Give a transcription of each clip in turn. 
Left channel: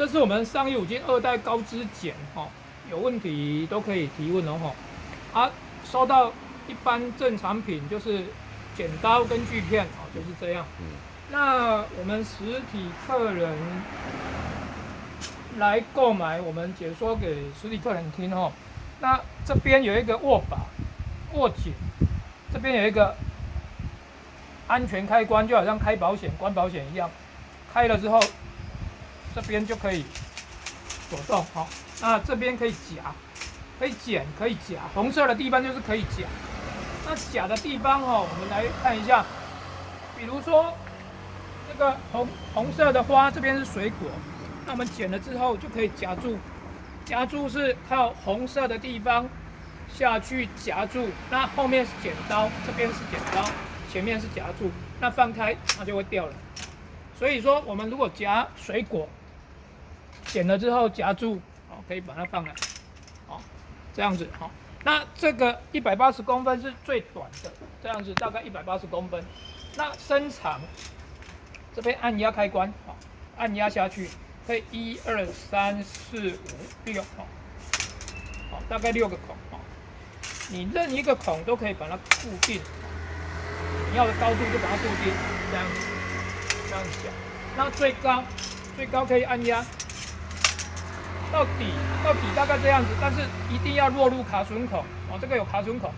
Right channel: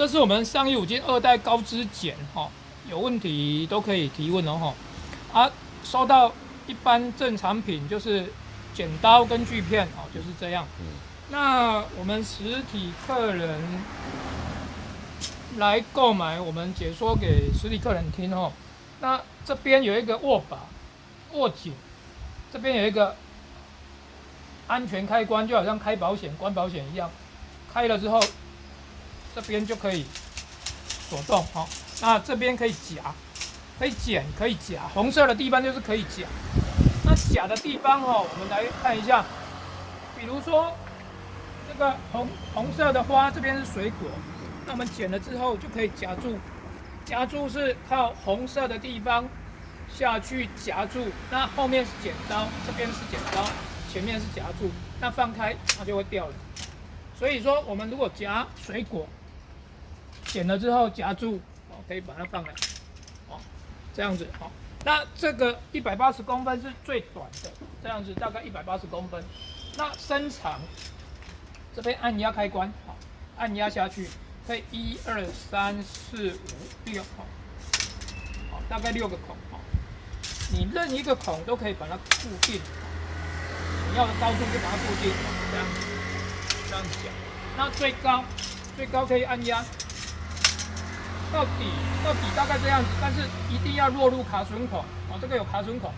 这是我们上亿五金2代高支剪哈，有问题都可以提问哦哈。啊，收到一般正产品就是剪刀跟锯片哦，就是这样。那我们实体客人来购买，我们解说给实体客人听哦。那这边有一个握把、握紧，这边有一个安全开关，就好像开保险、关保险一样。开了之后，这边就可以手动哦。那这边可以夹，可以剪，可以夹。红色的地方就是可以夹。那夹的地方哦，我们来看一下，比如说这个红色的花，这边是水果，那我们剪了之后就可以夹住。夹住是靠红色的地方下去夹住，那后面是剪刀，这边是剪刀，前面是夹住，那放开它就会掉了。所以说，我们如果夹水果，剪了之后夹住，可以把它放来，这样子那这个180公分是最短的，这样子大概180公分。那伸长，这边按压开关，按压下去，可以1、2、3、4、5、6，大概6个孔你任一个孔都可以把它固定，你要的高度就把它固定，这样讲。那最高可以按压到底大概这样子，但是一定要落入卡榫孔这个有卡榫孔，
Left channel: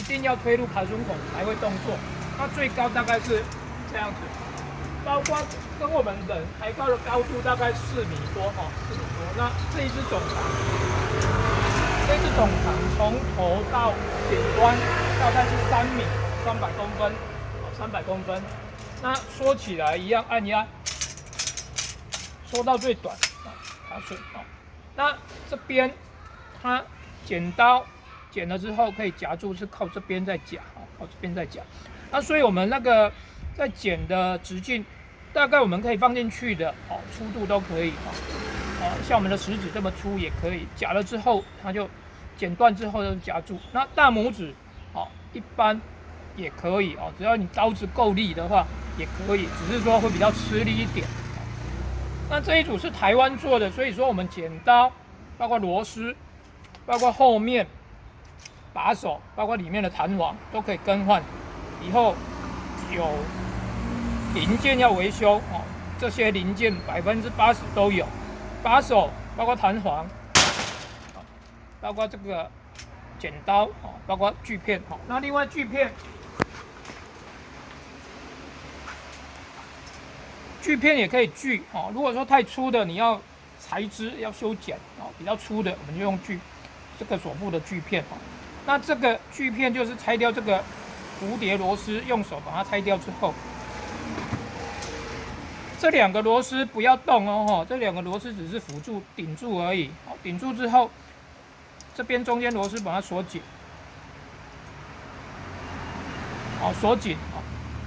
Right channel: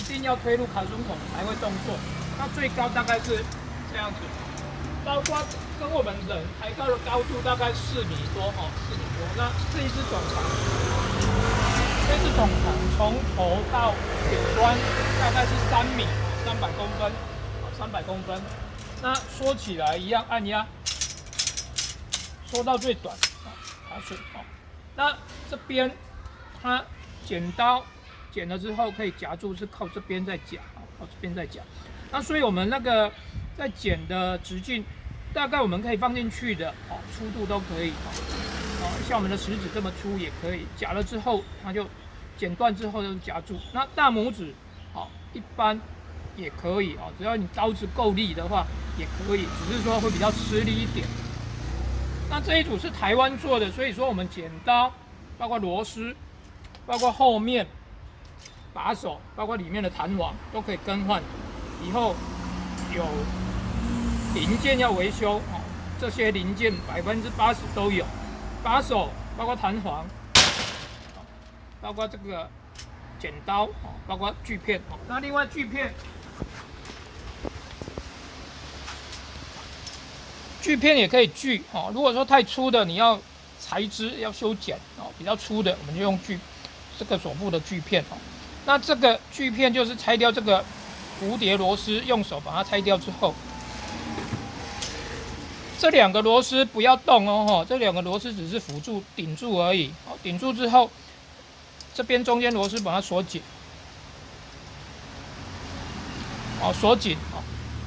一定要推入卡榫孔才会动作。那最高大概是这样子，包括跟我们人抬高的高度大概4米多4米多。那这一只总长，从头到顶端大概是3米300公分，300公分。那缩起来一样按压，缩到最短卡榫那这边它剪刀剪了之后可以夹住，是靠这边在夹，靠这边在夹。那所以我们那个在剪的直径，大概我们可以放进去的粗度都可以像我们的食指这么粗也可以。夹了之后，它就剪断之后就夹住。那大拇指一般也可以只要你刀子够力的话也可以，只是说会比较吃力一点。那这一组是台湾做的，所以说我们剪刀，包括螺丝，包括后面把手，包括里面的弹簧都可以更换。以后有零件要维修这些零件80%都有，把手包括弹簧，包括这个剪刀包括锯片那另外锯片也可以锯如果说太粗的，你要裁枝要修剪比较粗的，我们就用这个手部的锯片那这个锯片就是拆掉这个蝴蝶螺丝，用手把它拆掉之后，这2个螺丝不要动这2个螺丝只是辅助顶住而已顶住之后，这边中间螺丝把它锁紧锁紧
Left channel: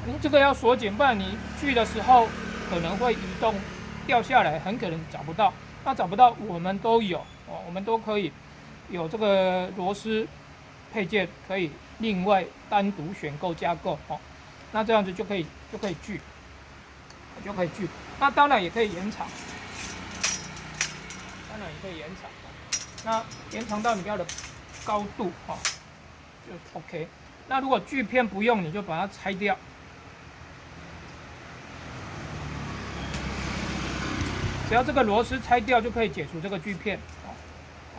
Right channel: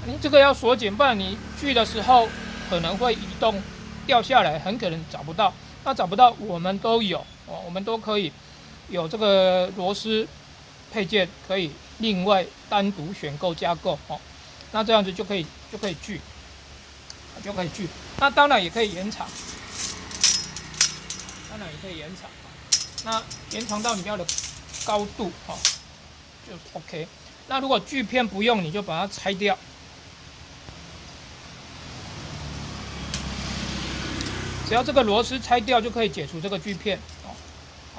你这个要锁紧，不然你锯的时候可能会移动掉下来，很可能找不到。那找不到我们都有我们都可以有这个螺丝配件，可以另外单独选购加购那这样子就可以锯，那当然也可以延长，那延长到你要的高度就是 OK。那如果锯片不用，你就把它拆掉。只要这个螺丝拆掉，就可以解除这个锯片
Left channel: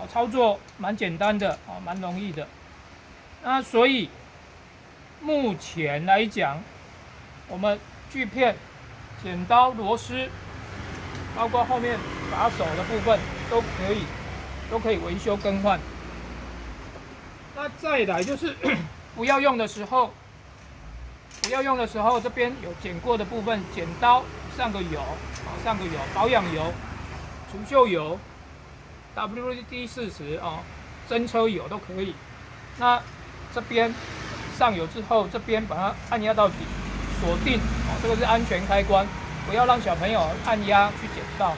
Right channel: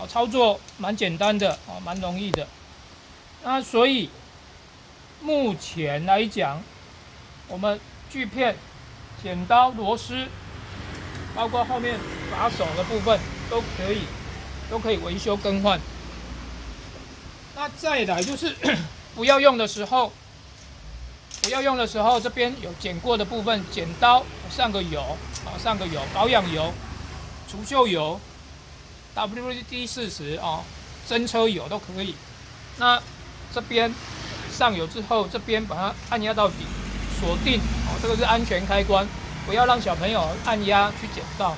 操作蛮简单的蛮容易的。那所以目前来讲，我们锯片、剪刀、螺丝，包括后面把手的部分都可以维修更换。那再来就是不要用的时候，这边有剪过的部分，剪刀上个油，保养油、除锈油、WD-40真车油都可以。那这边上油之后，这边把它按压到底，锁定这个是安全开关，不要让小朋友按压去剪到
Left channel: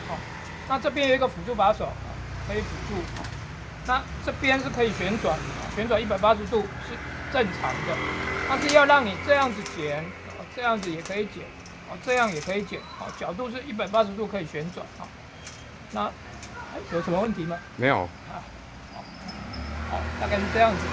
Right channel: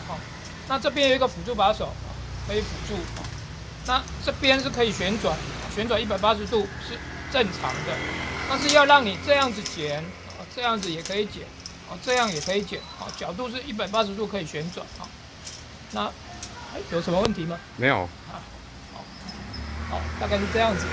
那这边有一个辅助把手可以辅助那这边是可以旋转180度是正常的，但是要让你这样子剪这样子也可以剪这样也可以剪角度是180度可以旋转那有什么问题吗？没有。好，大概是这样子。